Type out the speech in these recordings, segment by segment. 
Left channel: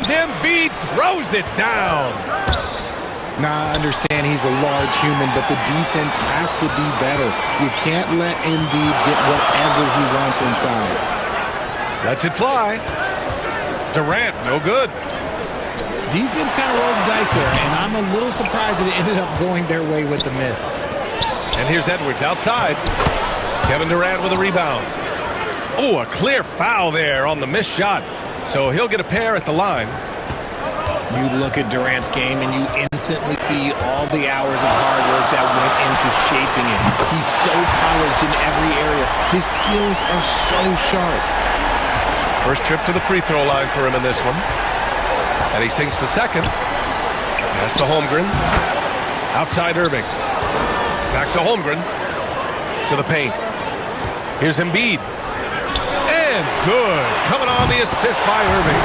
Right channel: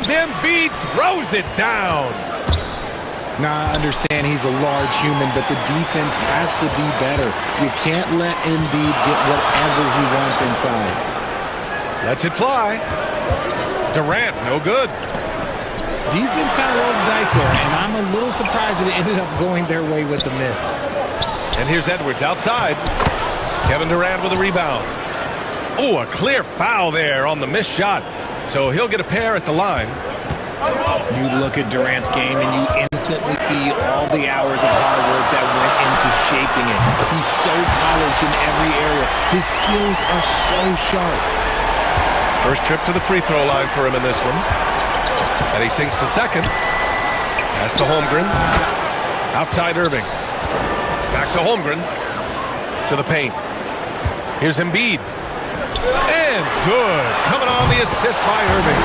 And Embiid throws it down. Now, I understand he's a large human, but the defense has to be better. You can't let Embiid get whatever he wants inside. Lets it fly. Durant, no good. Defense kind of rolled the dice there, and I'm a little surprised that it ended up going their way with the miss. And here's Edwards outside. Kevin Durant with a rebound. Oh, a clear foul there on the missed shot. So he'll get a pair at the line. You look at Durant's game and you instantly see all the hours of hard work that went into shaping it. He's so polished in every area. His skills are so sharp. First trip to the free throw line for him in this one. And he sinks the second. Pass to Holmgren. Outside Irving. Back to Holmgren. To the paint. Here's Embiid. And good. Coming on the assist by Irving.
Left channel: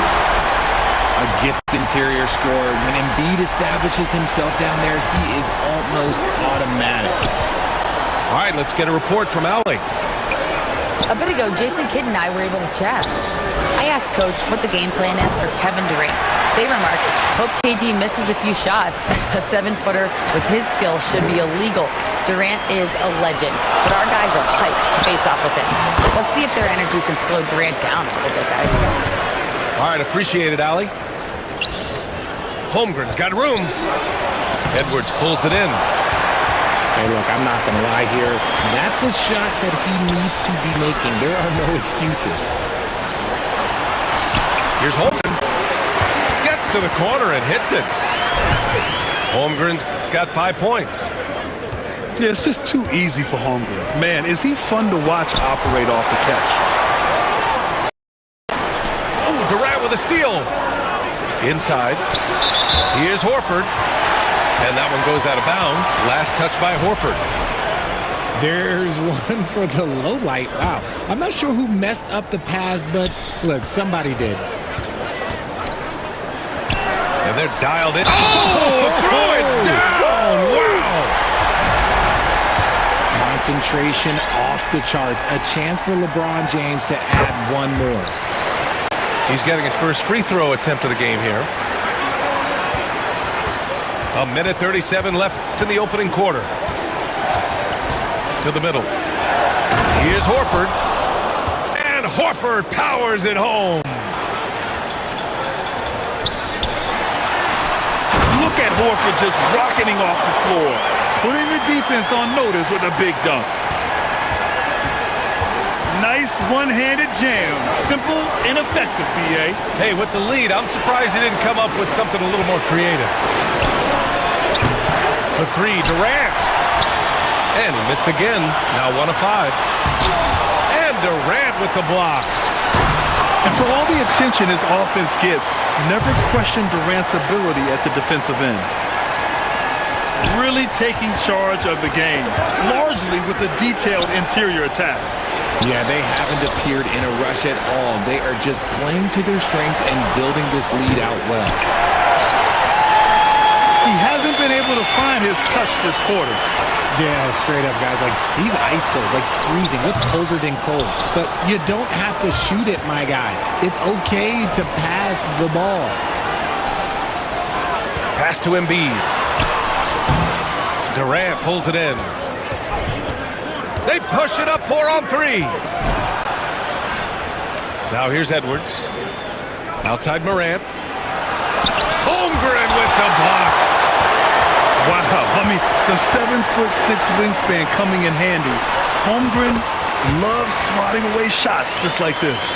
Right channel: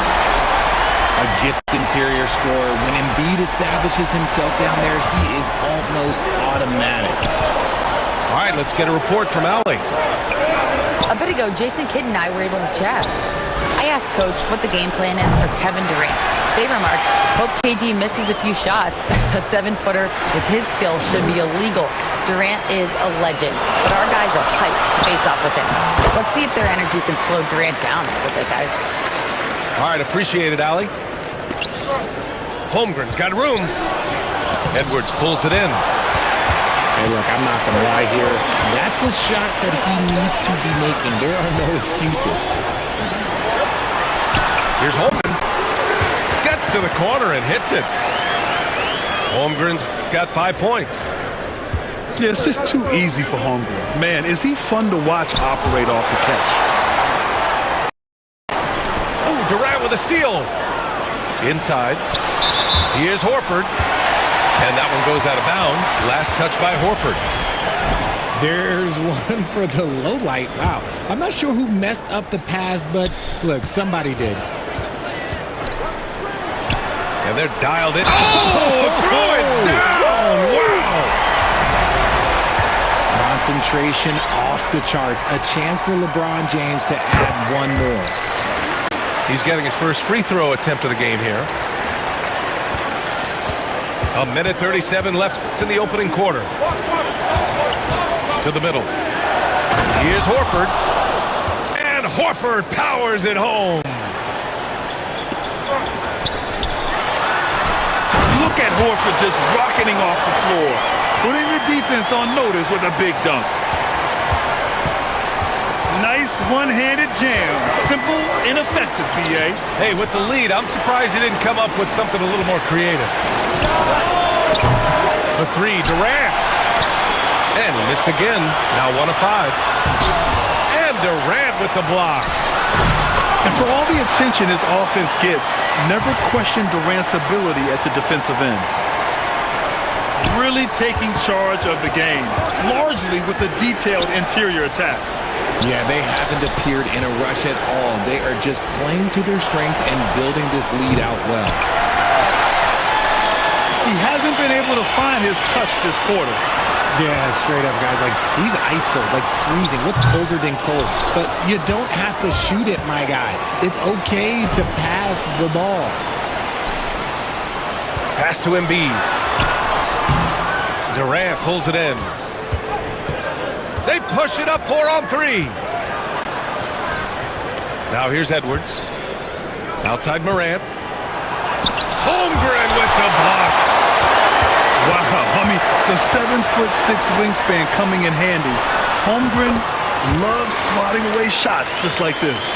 A gifted interior scorer. When Embiid establishes himself down there, he is almost automatic. All right, let's get a report from Allie. A bit ago, Jason Kidd and I were able to chat. I asked Coach what the game plan is for Kevin Durant. They remarked, hope KD misses a few shots. A 7-footer with his skill should be illegal. Durant is a legend, but our guys are hyped to face off with him. Let's see if their energy can slow Durant down a little bit, guys. All right, appreciate it, Allie. Holmgren's got room. Edwards pulls it in. Hey, look, I'm not going to lie here. That's a shot that he needs to be making. There are no excuses. Here's Holmgren. Gets to the corner and hits it. Holmgren's got 5 points. Yeah, it's just too easy for Holmgren. Man, is he fun to watch operate off the catch. Oh, Durant with a steal. Inside. Here's Horford. And that one goes out of bounds. Last touch by Horford. There's one for the low light. Wow. I'm not sure who messed up the pass, but look, somebody did. And they're dialed in. Oh, throw it down. Wow. Concentration off the charts. A chance for LeBron James to add one more. He's getting his first free throw attempt of the game here. A minute 37 left in the opening quarter. To the middle. Here's Horford. And Horford powers it home. Look at Horford just rocketing off the floor, putting the defense on notice with a big dunk. Nice one-handed jam. Simple and effective, PA. Hey, with the lead, I'm surprised he didn't come up with something a little more creative. For three, Durant. And he missed again. Now 1 of 5. And Durant with the block. And for all the attention his offense gets, never question Durant's ability at the defensive end. Really taking charge of the game, largely with a detailed interior attack. Yeah, they haven't appeared in a rush at all. They are just playing to their strengths and building this lead out well. He hasn't been able to find his touch this quarter. Yeah, straight up, guys. Like, he's ice cold, like freezing. What's colder than cold? But you don't have to shoot it, my guy. It's okay to pass the ball. Pass to Embiid. Durant pulls it in. They push it up 4 on 3. Now here's Edwards. Outside Morant. Holmgren with the block. Wow, I mean, the 7'6" wingspan coming in handy. Holmgren loves swatting away shots just like this.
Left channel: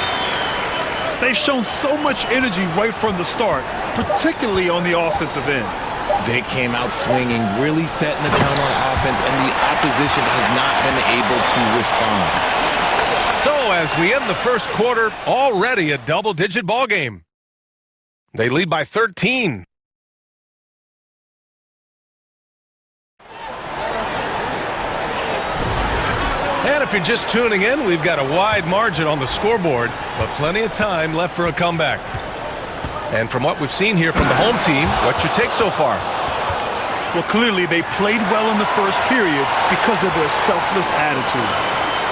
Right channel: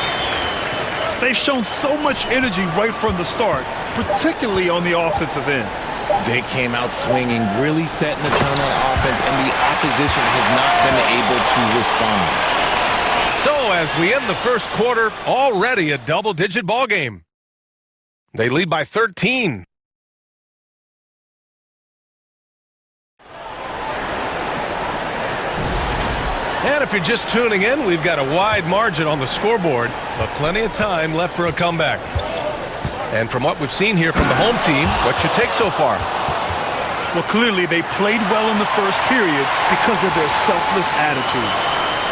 They've shown so much energy right from the start, particularly on the offensive end. They came out swinging, really setting the tone on offense, and the opposition has not been able to respond. So as we end the first quarter, already a double-digit ball game. They lead by 13. And if you're just tuning in, we've got a wide margin on the scoreboard, but plenty of time left for a comeback. And from what we've seen here from the home team, what's your take so far? Well, clearly they played well in the first period because of their selfless attitude.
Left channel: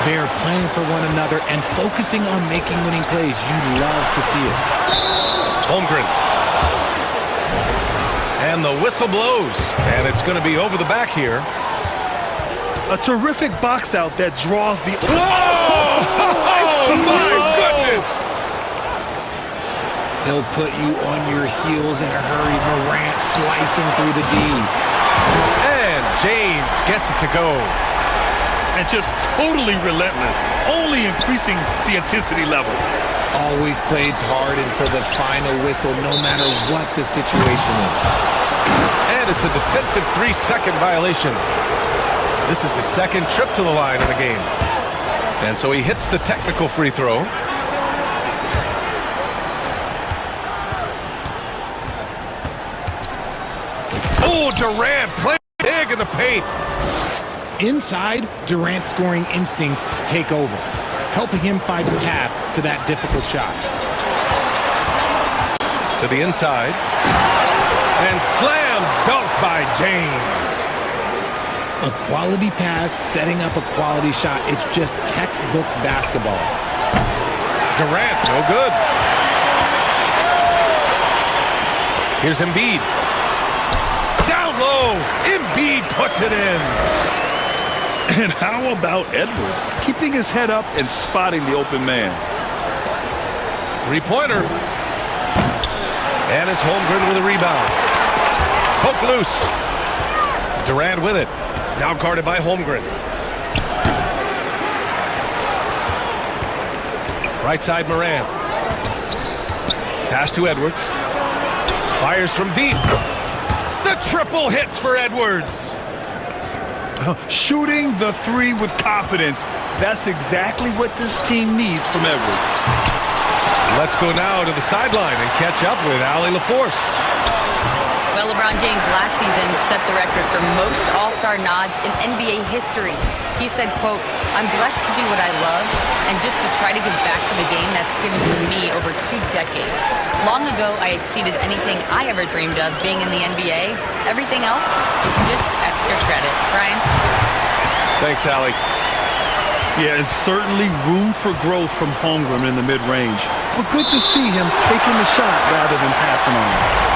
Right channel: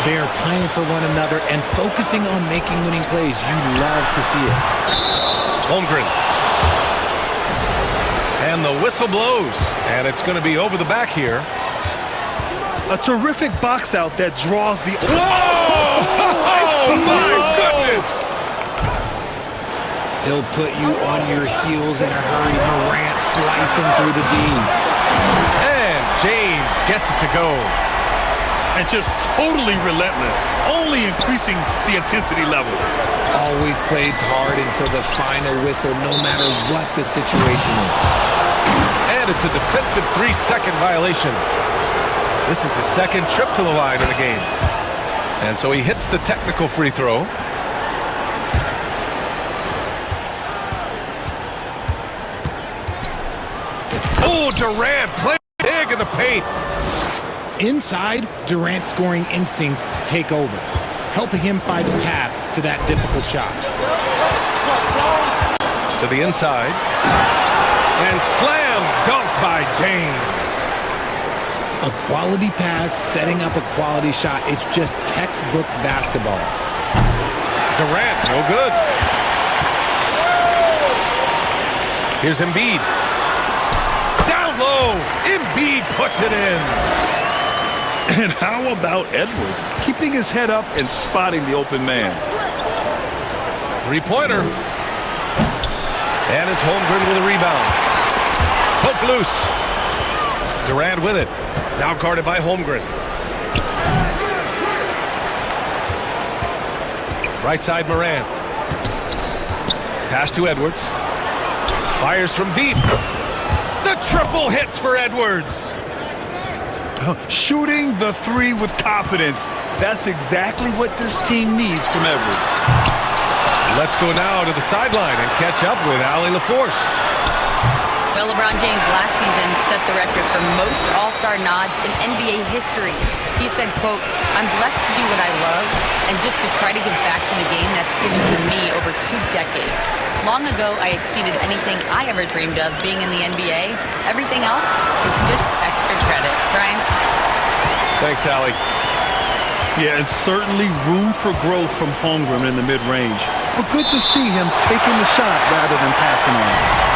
They are playing for one another and focusing on making winning plays. You love to see it. Holmgren And the whistle blows. And it's going to be over the back here. A terrific box out that draws the... Whoa! Oh, my goodness! He'll put you on your heels in a hurry. Morant slicing through the D. And James gets it to go. And just totally relentless, only increasing the intensity level. Always plays hard until the final whistle, no matter what the situation is. And it's a defensive 3-second violation. This is his second trip to the line in the game. And so he hits the technical free throw. Oh, Durant playing big in the paint. Inside, Durant's scoring instincts take over, helping him find a path to that difficult shot. To the inside. And slam dunk by James. A quality pass, setting up a quality shot. It's just textbook basketball. Durant, no good. Here's Embiid. Down low. Embiid puts it in. And how about Edwards? Keeping his head up and spotting the open man. Three-pointer. And it's Holmgren with a rebound. Poke loose. Durant with it. Now guarded by Holmgren. Right side Morant. Pass to Edwards. Fires from deep. The triple hits for Edwards. Shooting the three with confidence. That's exactly what this team needs from Edwards. Let's go now to the sideline and catch up with Allie LaForce. Well, LeBron James last season set the record for most All-Star nods in NBA history. He said, quote, "I'm blessed to do what I love and just to try to give back to the game that's given to me over 2 decades. Long ago, I exceeded anything I ever dreamed of being in the NBA. Everything else is just extra credit." Brian? Thanks, Allie. Yeah, and certainly room for growth from Holmgren in the mid-range. But good to see him taking the shot rather than passing on it.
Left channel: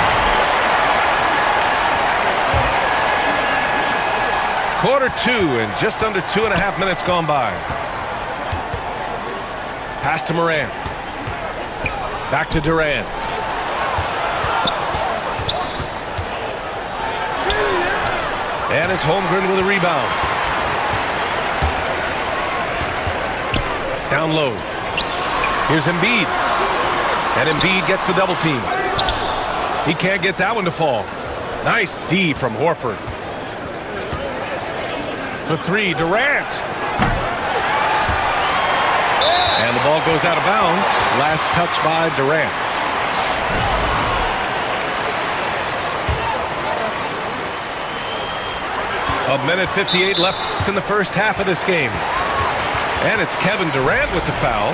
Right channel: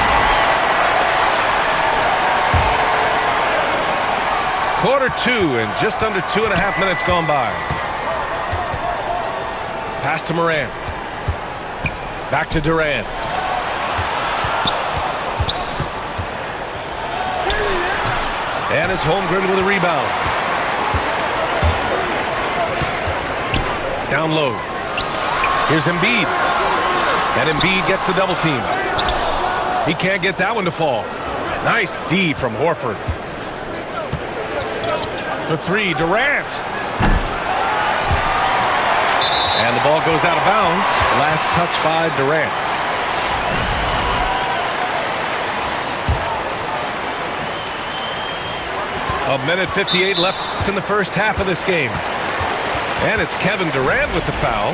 Quarter 2 and just under 2.5 minutes gone by. Pass to Morant. Back to Durant. And it's Holmgren with a rebound. Down low. Here's Embiid. And Embiid gets the double team. He can't get that one to fall. Nice D from Horford. For 3, Durant. And the ball goes out of bounds. Last touch by Durant. A minute 58 left in the first half of this game. And it's Kevin Durant with the foul.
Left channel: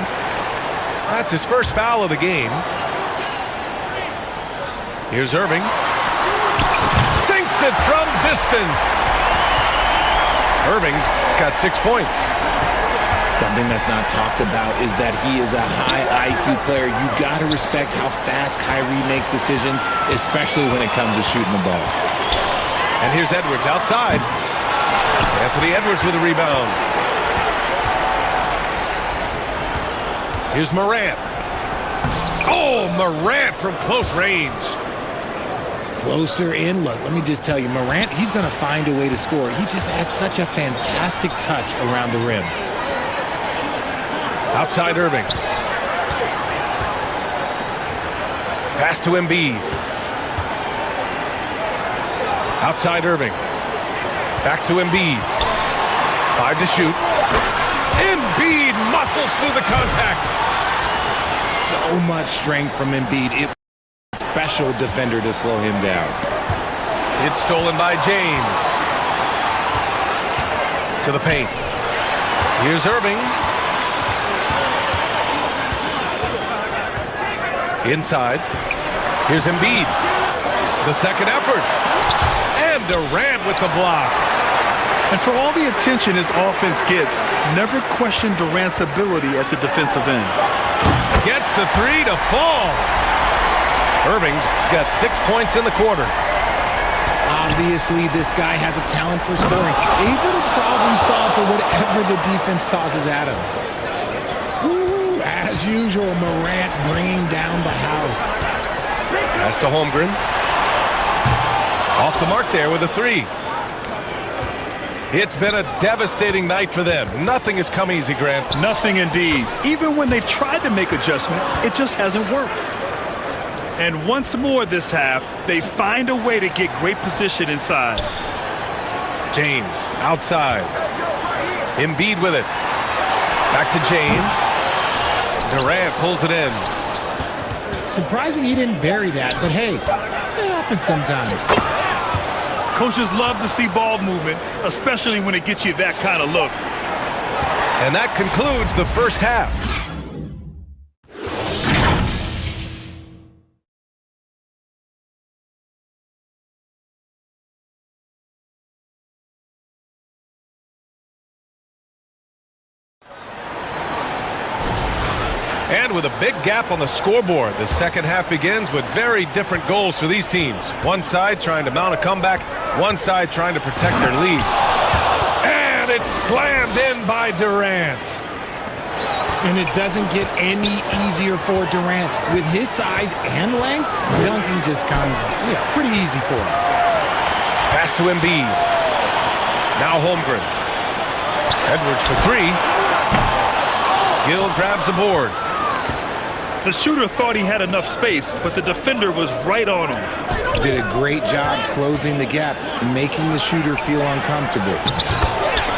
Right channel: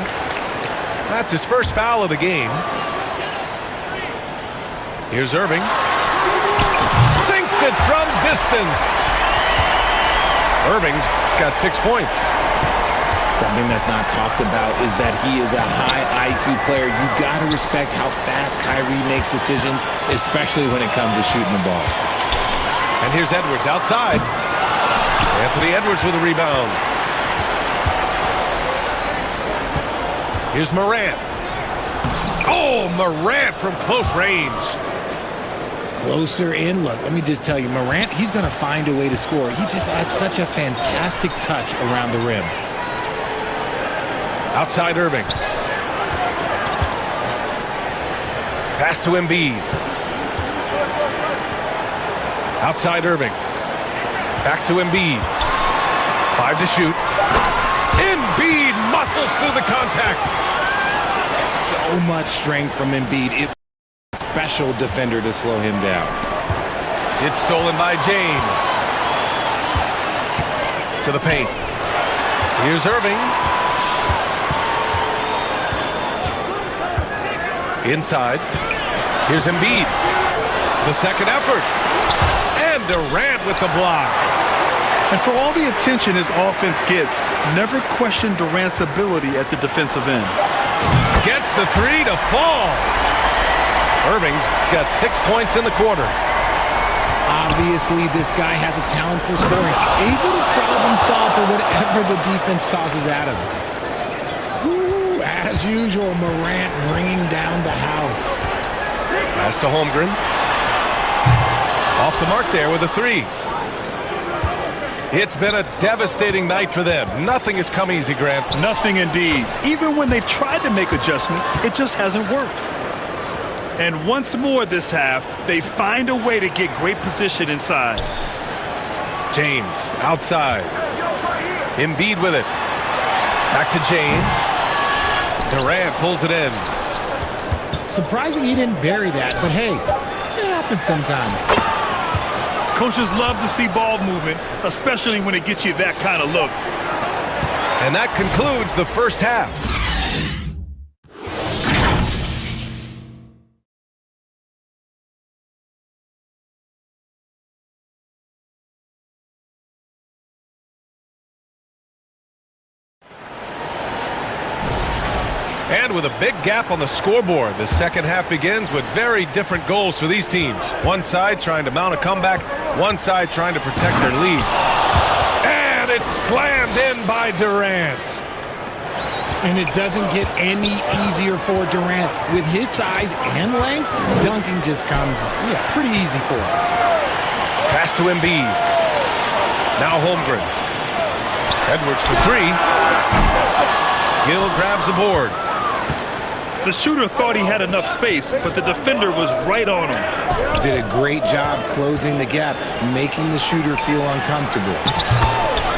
That's his first foul of the game. Here's Irving. Sinks it from distance. Irving's got 6 points. Something that's not talked about is that he is a high IQ player. You got to respect how fast Kyrie makes decisions, especially when it comes to shooting the ball. And here's Edwards outside. Anthony Edwards with a rebound. Here's Morant. Oh, Morant from close range. Closer in. Look, let me just tell you, Morant, he's going to find a way to score. He just has such a fantastic touch around the rim. Outside Irving. Pass to Embiid. Outside Irving. Back to Embiid. 5 to shoot. Embiid muscles through the contact. So much strength from Embiid. It was a special defender to slow him down. It's stolen by James. To the paint. Here's Irving. Inside. Here's Embiid. The second effort. And Durant with the block. And for all the attention his offense gets, never question Durant's ability at the defensive end. Gets the 3 to fall. Irving's got 6 points in the quarter. Obviously, this guy has a talent for scoring, able to problem solve for whatever the defense tosses at him. Ooh, as usual, Morant bringing down the house. Pass to Holmgren. Off the mark there with a three. It's been a devastating night for them. Nothing has come easy, Grant. Nothing indeed. Even when they've tried to make adjustments, it just hasn't worked. And once more this half, they find a way to get great position inside. James outside. Embiid with it. Back to James. Durant pulls it in. Surprising he didn't bury that, but hey, it happens sometimes. Coaches love to see ball movement, especially when it gets you that kind of look. And that concludes the first half. And with a big gap on the scoreboard, the second half begins with very different goals for these teams. One side trying to mount a comeback, one side trying to protect their lead. And it's slammed in by Durant. And it doesn't get any easier for Durant. With his size and length, dunking just comes, pretty easy for him. Pass to Embiid. Now Holmgren. Edwards for three. Gill grabs the board. The shooter thought he had enough space, but the defender was right on him. Did a great job closing the gap, making the shooter feel uncomfortable.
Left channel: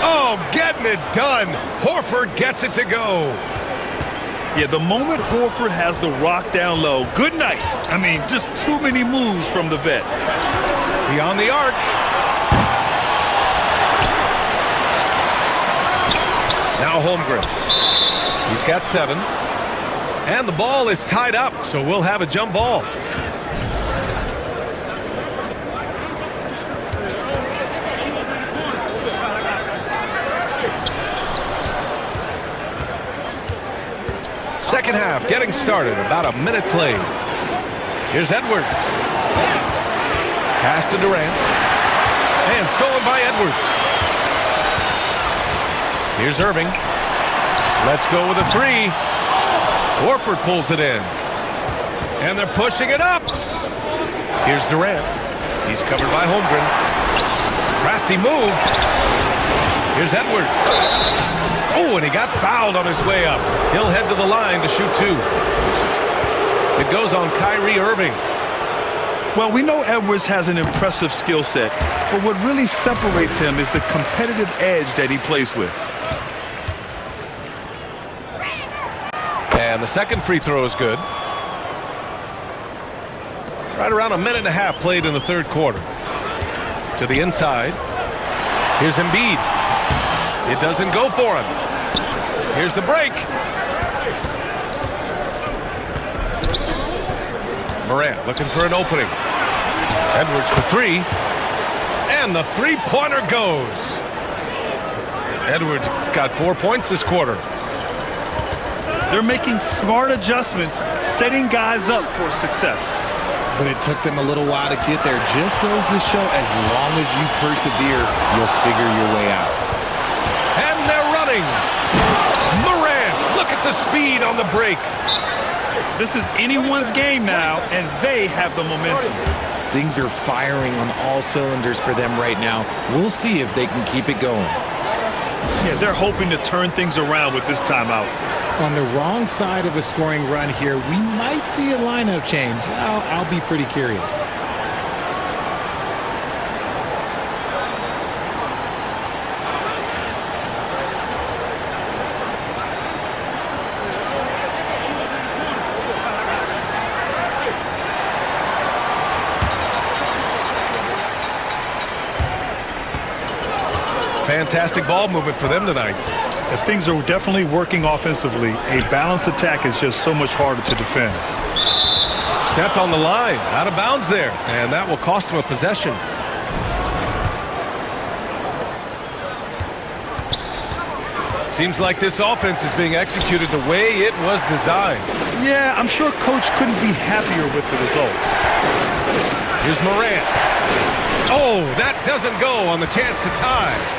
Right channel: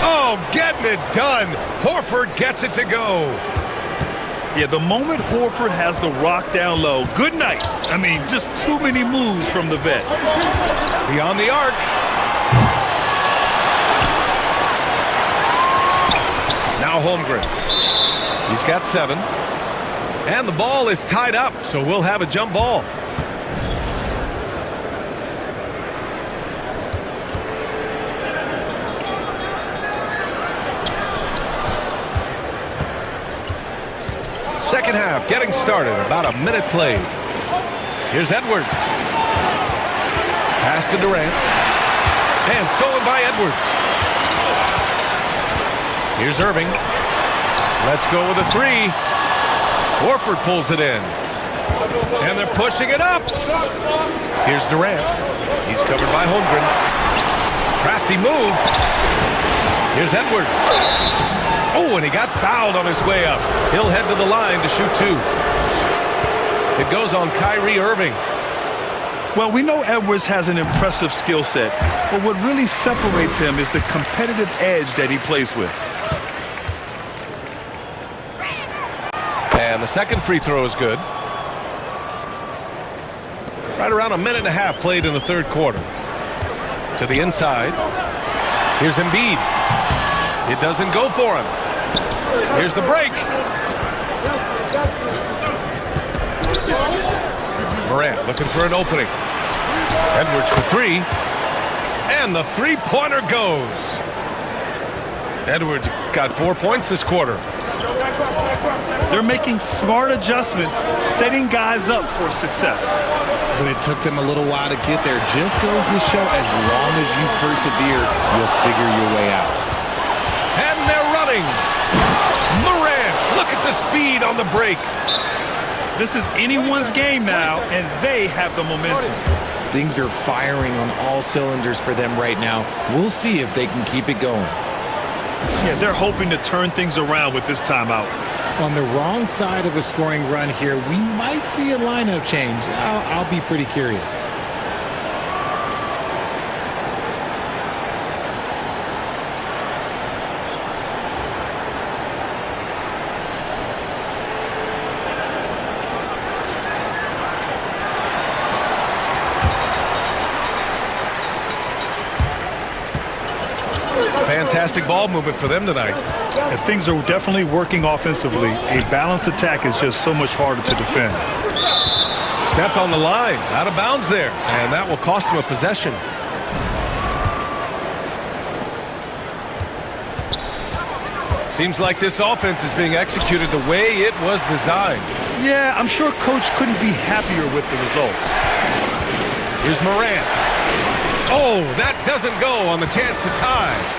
Oh, getting it done. Horford gets it to go. Yeah, the moment Horford has the rock down low, good night. I mean, just too many moves from the vet. Beyond the arc. Now Holmgren. He's got 7. And the ball is tied up, so we'll have a jump ball. Second half getting started, about a minute played. Here's Edwards. Pass to Durant. And stolen by Edwards. Here's Irving. Let's go with a three. Horford pulls it in. And they're pushing it up. Here's Durant. He's covered by Holmgren. Crafty move. Here's Edwards. Oh, and he got fouled on his way up. He'll head to the line to shoot 2. It goes on Kyrie Irving. Well, we know Edwards has an impressive skill set, but what really separates him is the competitive edge that he plays with. And the second free throw is good. Right around a minute and a half played in the third quarter. To the inside. Here's Embiid. It doesn't go for him. Here's the break. Morant looking for an opening. Edwards for 3. And the three-pointer goes. Edwards got 4 points this quarter. They're making smart adjustments, setting guys up for success. But it took them a little while to get there. Just goes to show, as long as you persevere, you'll figure your way out. And they're running. Morant, look at the speed on the break. This is anyone's game now, and they have the momentum. Things are firing on all cylinders for them right now. We'll see if they can keep it going. Yeah, they're hoping to turn things around with this timeout. On the wrong side of a scoring run here, we might see a lineup change. I'll be pretty curious. Fantastic ball movement for them tonight. If things are definitely working offensively, a balanced attack is just so much harder to defend. Stepped on the line, out of bounds there, and that will cost him a possession. Seems like this offense is being executed the way it was designed. Yeah, I'm sure Coach couldn't be happier with the results. Here's Morant. Oh, that doesn't go on the chance to tie.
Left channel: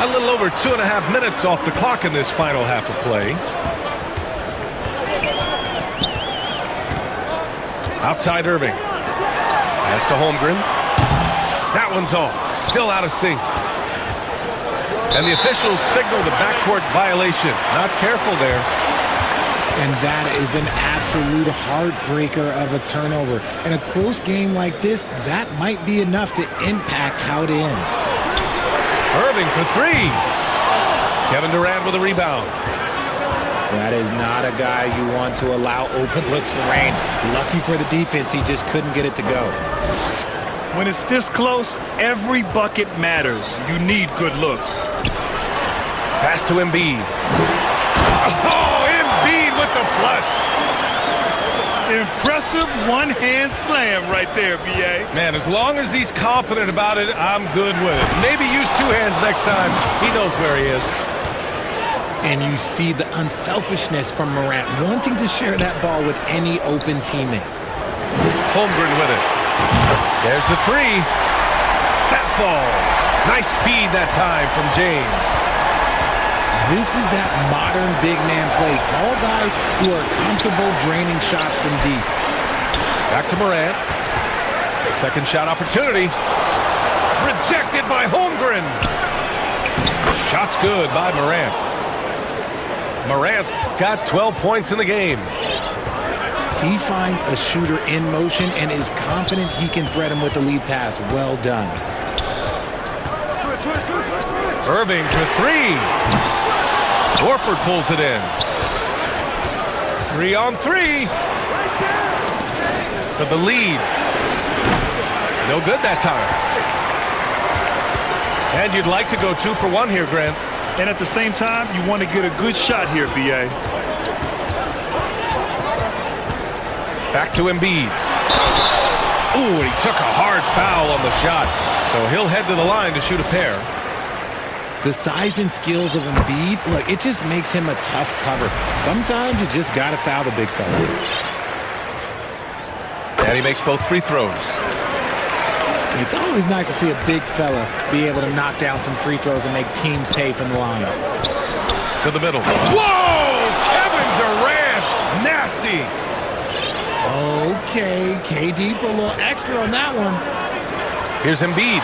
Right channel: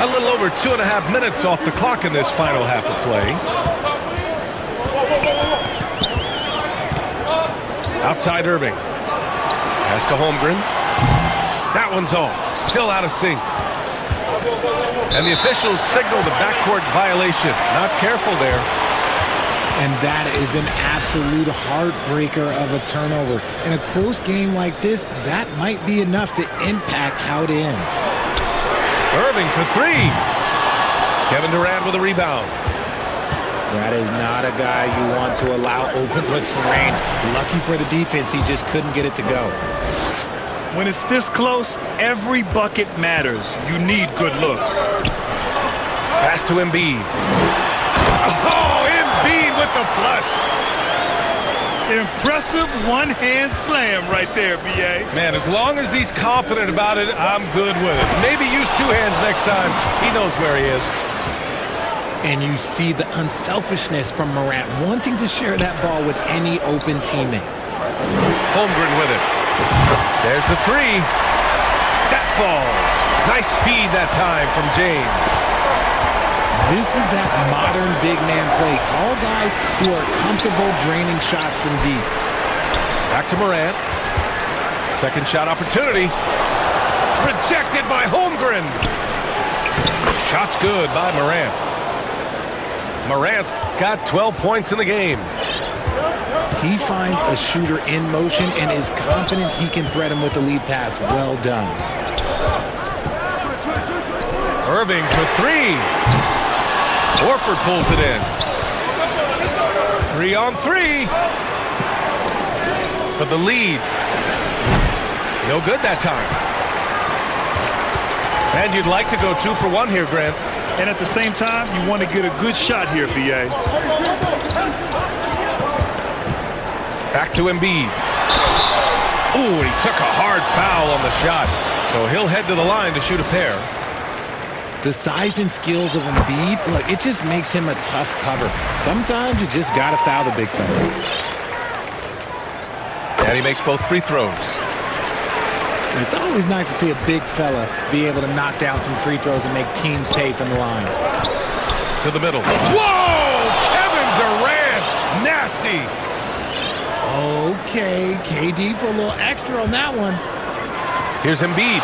A little over 2.5 minutes off the clock in this final half of play. Outside Irving. Pass to Holmgren. That one's off. Still out of sync. And the officials signal the backcourt violation. Not careful there. And that is an absolute heartbreaker of a turnover. In a close game like this, that might be enough to impact how it ends. Irving for three. Kevin Durant with a rebound. That is not a guy you want to allow open looks for range. Lucky for the defense, he just couldn't get it to go. When it's this close, every bucket matters. You need good looks. Pass to Embiid. Oh, Embiid with the flush. Impressive one-hand slam right there, B.A. Man, as long as he's confident about it, I'm good with it. Maybe use two hands next time. He knows where he is. And you see the unselfishness from Morant, wanting to share that ball with any open teammate. Holmgren with it. There's the three. That falls. Nice feed that time from James. This is that modern big man play. Tall guys who are comfortable draining shots from deep. Back to Morant. Second shot opportunity. Rejected by Holmgren. Shot's good by Morant. Morant's got 12 points in the game. He finds a shooter in motion and is confident he can thread him with the lead pass. Well done. Irving for three. Horford pulls it in. 3-on-3 for the lead. No good that time. And you'd like to go 2 for 1 here, Grant. And at the same time, you want to get a good shot here, B.A. Back to Embiid. Ooh, he took a hard foul on the shot. So he'll head to the line to shoot a pair. The size and skills of Embiid, look, it just makes him a tough cover. Sometimes you just got to foul the big fella. And he makes both free throws. It's always nice to see a big fella be able to knock down some free throws and make teams pay from the line. To the middle. Whoa! Kevin Durant! Nasty! Okay, KD put a little extra on that one. Here's Embiid.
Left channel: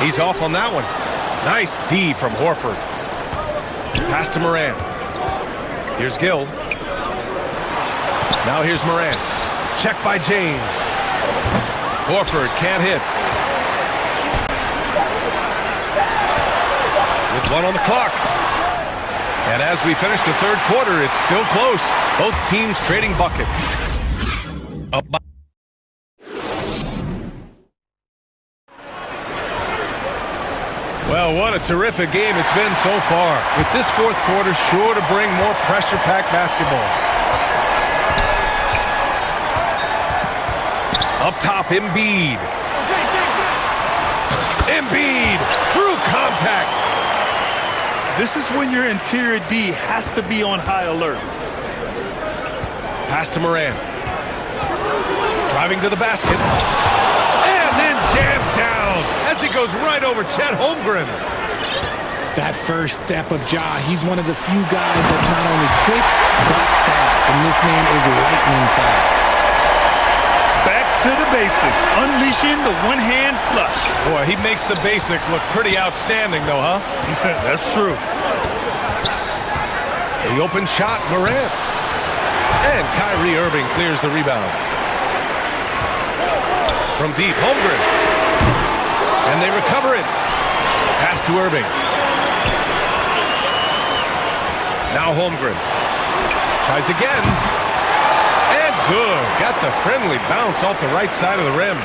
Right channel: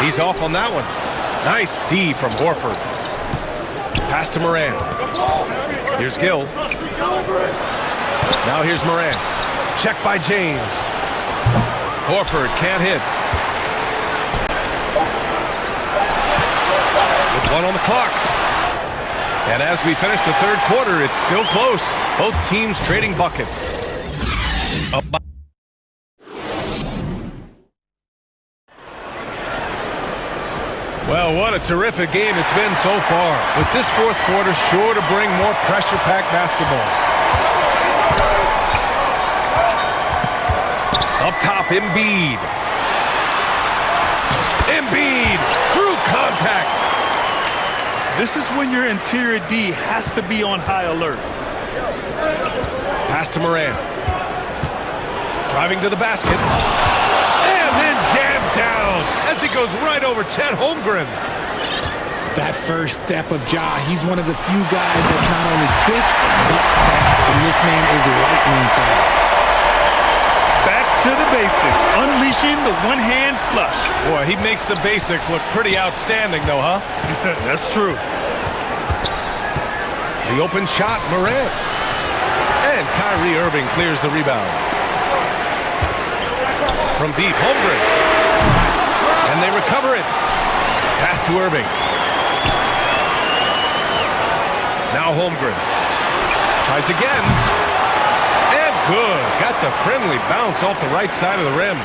He's off on that one. Nice D from Horford. Pass to Morant. Here's Gill. Now here's Morant. Check by James. Horford can't hit. With 1 on the clock. And as we finish the third quarter, it's still close. Both teams trading buckets. Up by Well, what a terrific game it's been so far. With this fourth quarter sure to bring more pressure-packed basketball. Up top, Embiid. Embiid through contact. This is when your interior D has to be on high alert. Pass to Morant. Driving to the basket. And then jammed down as he goes right over Chet Holmgren. That first step of Ja, he's one of the few guys that's not only quick, but fast. And this man is lightning fast. Back to the basics, unleashing the one-hand flush. Boy, he makes the basics look pretty outstanding, though, huh? That's true. The open shot, Morant. And Kyrie Irving clears the rebound. From deep, Holmgren. And they recover it. Pass to Irving. Now Holmgren. Tries again. And good. Got the friendly bounce off the right side of the rim.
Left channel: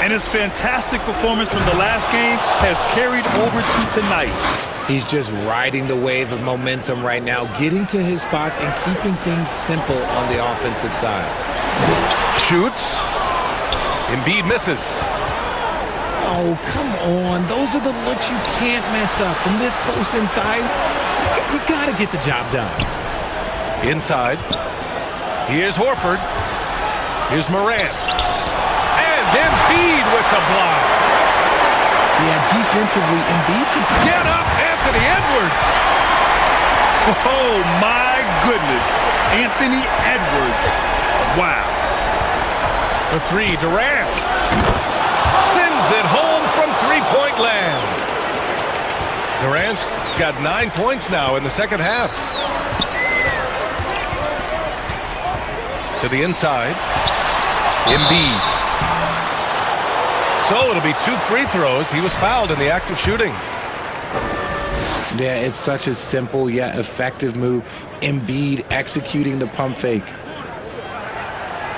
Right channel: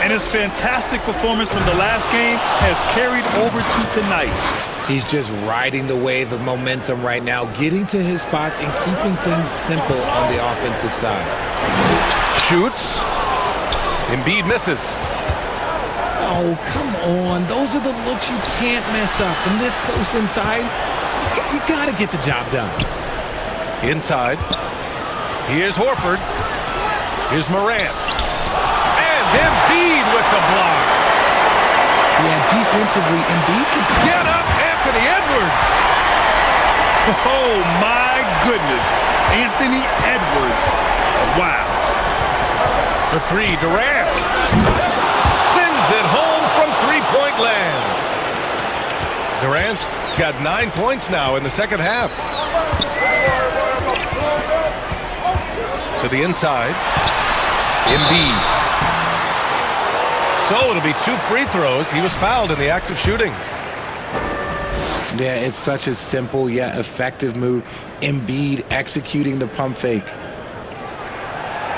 And his fantastic performance from the last game has carried over to tonight. He's just riding the wave of momentum right now, getting to his spots and keeping things simple on the offensive side. Shoots. Embiid misses. Oh, come on. Those are the looks you can't mess up. From this close inside, you got to get the job done. Inside. Here's Horford. Here's Morant. And Embiid with the block. Yeah, defensively, Embiid can... Get up, Anthony Edwards. Oh, my goodness. Anthony Edwards. Wow. For three, Durant. Sends it home from three-point land. Durant's got 9 points now in the second half. To the inside. Embiid. So it'll be 2 free throws. He was fouled in the act of shooting. Yeah, it's such a simple yet effective move. Embiid executing the pump fake.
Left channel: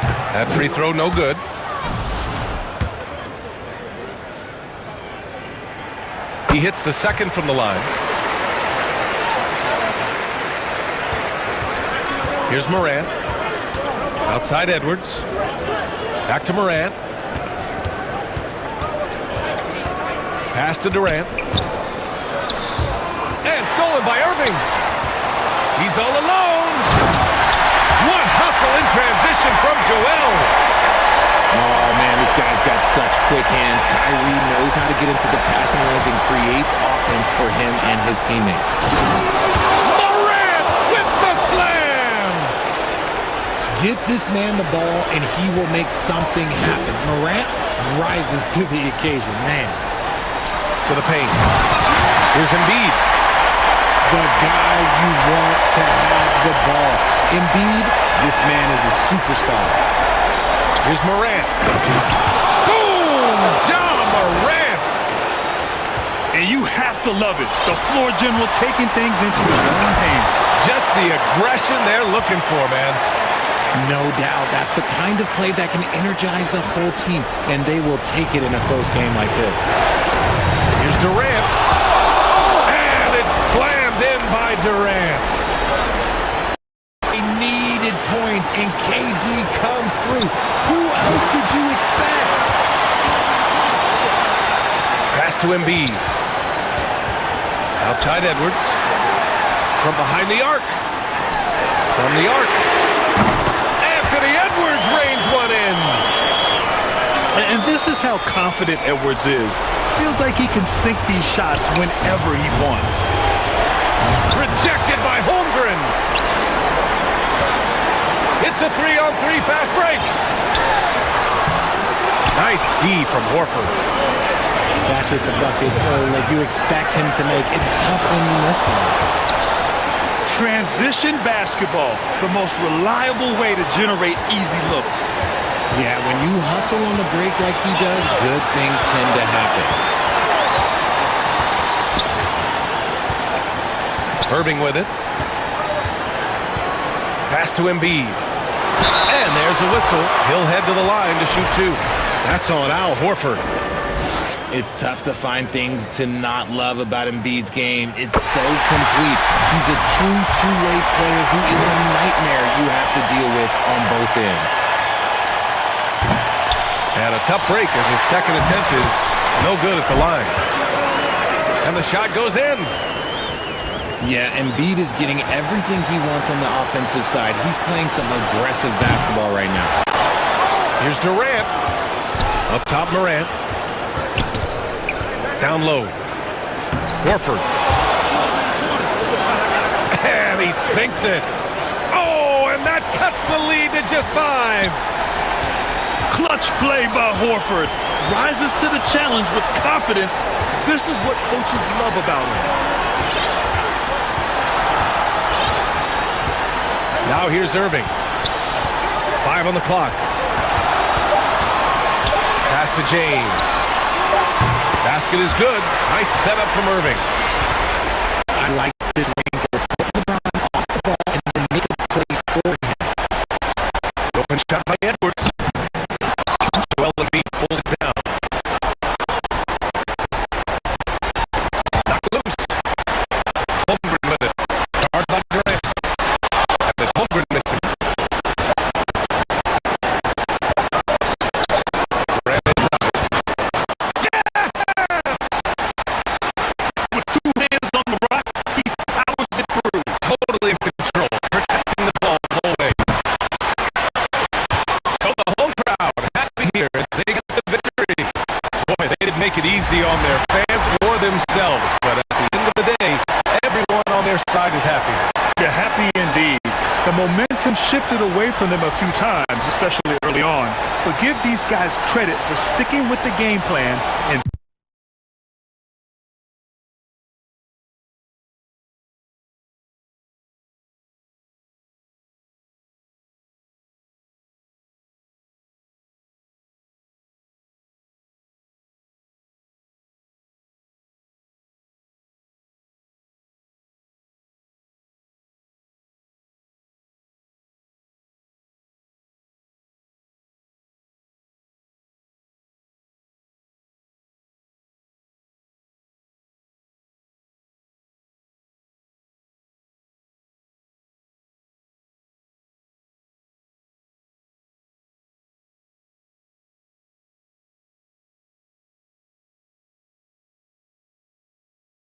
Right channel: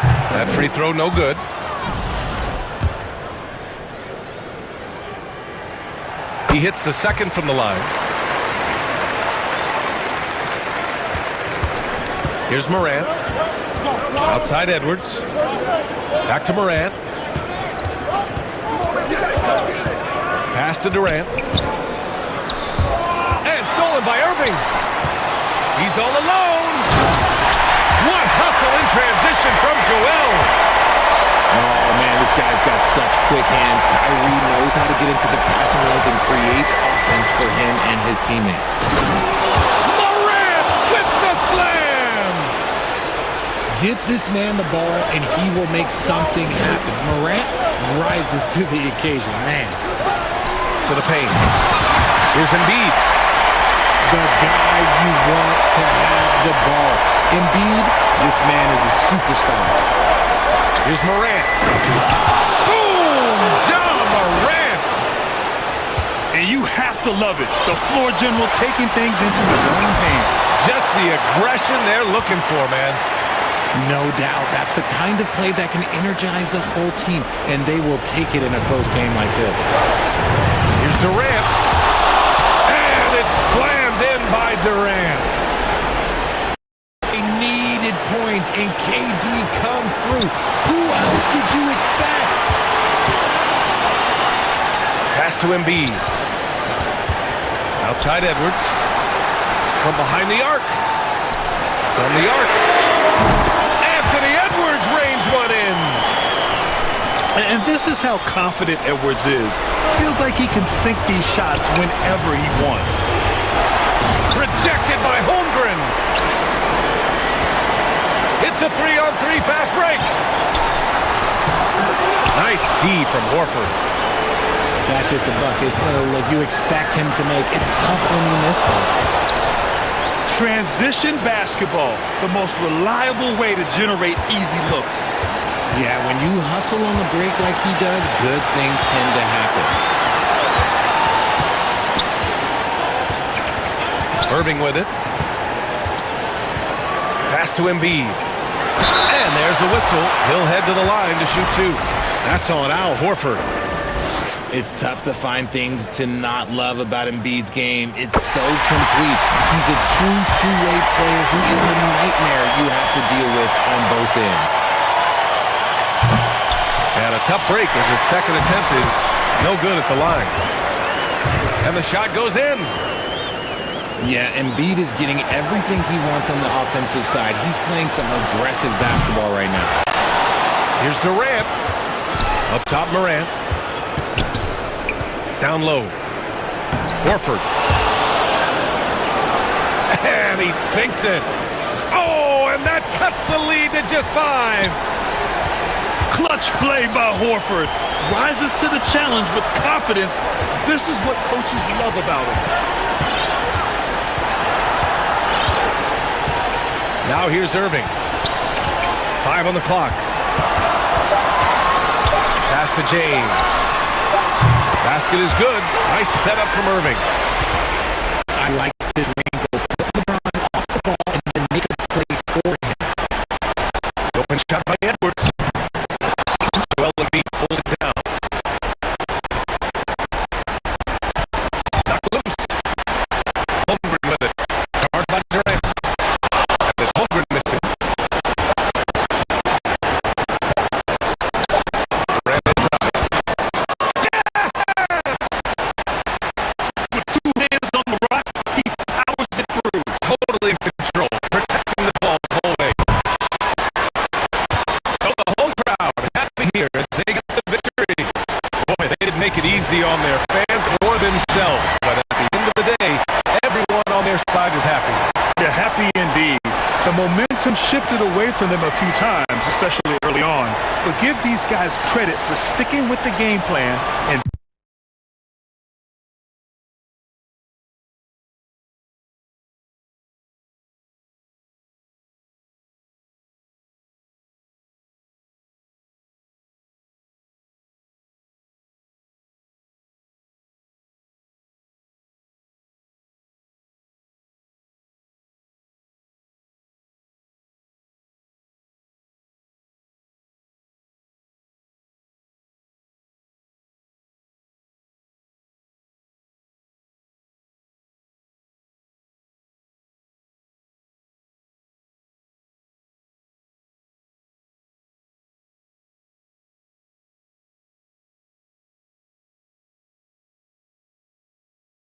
That free throw no good. He hits the second from the line. Here's Morant. Outside Edwards. Back to Morant. Pass to Durant. And stolen by Irving. He's all alone. What hustle in transition from Joel. Oh, man, this guy's got such quick hands. Kyrie knows how to get into the passing lanes and creates offense for him and his teammates. Morant with the slam. Get this man the ball, and he will make something happen. Morant rises to the occasion, man. To the paint. Here's Embiid. The guy you want to have the ball. Embiid, this man is a superstar. Here's Morant. Boom! Ja Morant! And you have to love it. The floor general taking things into his own hands. Just the aggression they're looking for, man. No doubt. That's the kind of play that can energize the whole team, and they will take it in a close game like this. Here's Durant. And it's slammed in by Durant. They needed points, and KD comes through. Who else did you expect? Pass to Embiid. Outside Edwards. From behind the arc. From the arc. Anthony Edwards rains one in. And this is how confident Edwards is. Feels like he can sink these shots whenever he wants. Rejected by Holmgren. It's a 3-on-3 fast break. Nice D from Horford. That's just a bucket like you expect him to make. It's tough when you miss those. Transition basketball, the most reliable way to generate easy looks. Yeah, when you hustle on the break like he does, good things tend to happen. Irving with it. Pass to Embiid. And there's a whistle. He'll head to the line to shoot 2. That's on Al Horford. It's tough to find things to not love about Embiid's game. It's so complete. He's a true two-way player who is a nightmare you have to deal with on both ends. And a tough break as his second attempt is no good at the line. And the shot goes in. Yeah, Embiid is getting everything he wants on the offensive side. He's playing some aggressive basketball right now. Here's Durant. Up top, Morant. Down low. Horford. And he sinks it. Oh, and that cuts the lead to just 5. Clutch play by Horford. Rises to the challenge with confidence. This is what coaches love about him. Now here's Irving. 5 on the clock. Pass to James. Basket is good. Nice setup from Irving. I like this wrinkle. Put LeBron off the ball and then make a Open shot by Edwards. Joel Embiid pulls it down. Knocked loose. Holmgren with it. Guard by Durant. And there's Holmgren missing. Durant inside. Yes! With 2 hands on the rock, he powers it through. Totally in control. Protecting the ball the whole way. So the home crowd happy here as they get the victory. Boy, they didn't make it easy on their fans or themselves, but at the end of the day, everyone on their side is happy. They're happy indeed. The momentum shifted away from them a few times, especially early on. But give these guys credit for sticking with the game plan and